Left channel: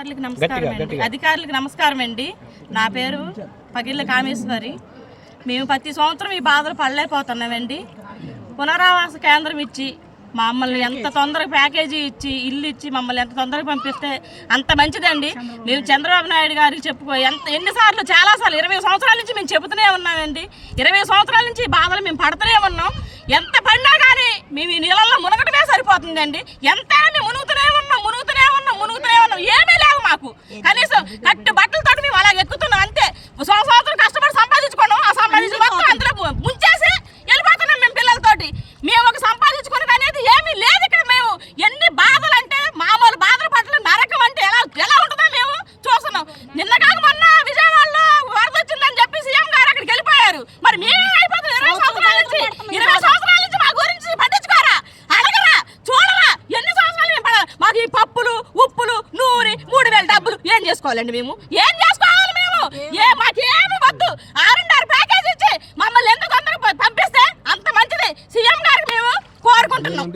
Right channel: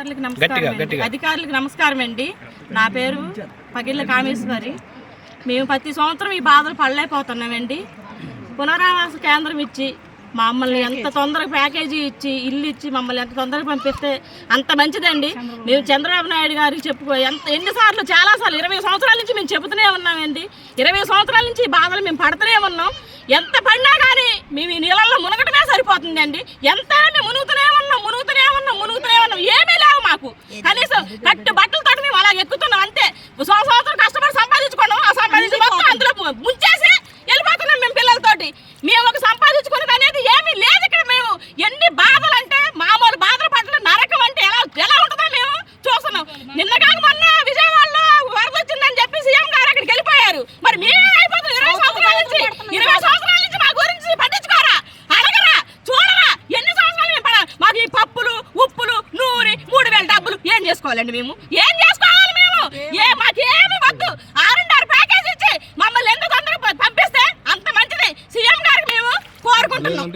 అధికారులకు నమస్కారం అండి. నా పేరు పగిళ్ళ కామేశ్వరి. మేము ప్రతి సంవత్సరం ఈ బాధలు పడలేకపోతున్నామండి. పునరావాస కేంద్రం ఇచ్చి మమ్మల్ని ఎంత తొందరగా ప్యాకేజీ ఇచ్చి ఇల్లు ఇచ్చి మమ్మల్ని ఎంత తొందరగా పంపిస్తే అంత మంచిదండి. మేము చంద్రబాబు నాయుడు గారికి ఎన్నిసార్లు చాలాసార్లు 20 సంవత్సరాల నుంచి మేము చెబుతూనే ఉన్నామండి. 20 సంవత్సరాల నుంచి ఈ బాధలు మేము పడుతూనే ఉన్నాం. ఎంత పడినా కానీ మేము ఈ నీళ్ళల్లో మునగటమే సరిపోతుందండి. ఎంత మేము మునుగుతూనే ఉన్నాం. ఏమీ లేవు మాకు. కనీసం కట్టు బట్టలతో మేము అలా ఎక్కుతున్నాం అంతే. సంవత్సరం కష్టపడి సంపాదించుకున్నాం. ఆ సంపాదించి మొత్తం అందులో ముంచేసి వెళ్ళిపోతున్నాం మేము పిల్లలతోటి. మేము ఒక సంపాదించుకున్నది అనేది ఏమీ లేదు ఇక్కడ. మేము ఎన్ని బాధలు అంటే మామూలు బాధలు పట్ల నరకం అంటే ఎలా ఉంటుందో మేము చూస్తున్నాం. నిన్న కాక మొన్న విజయవాడలో వరద వచ్చిందని చెప్పి సీఎం గారు అక్కడికి వెళ్ళిపోయారు. మరి మేమే అయిపోతుంది 20 సంవత్సరాల నుంచి మా గురించి పట్టించుకోరా, అడగరా, చూడరా. ఎన్ని సంవత్సరాలు మేము మాకు ఈ పప్పులు ఉప్పులు నూనె 3000 డబ్బులు ఏం చేసుకోవాలండి? మేము ఏం చేసుకోవాలి? మేము మాకేమి వద్దు. 6 ప్యాకేజ్ ఇచ్చి మమ్మల్ని ఎందుకు అందరూ పంపిస్తే అంత మంచిది సీఎం గారికి మేము కోరుకుంటున్నాం.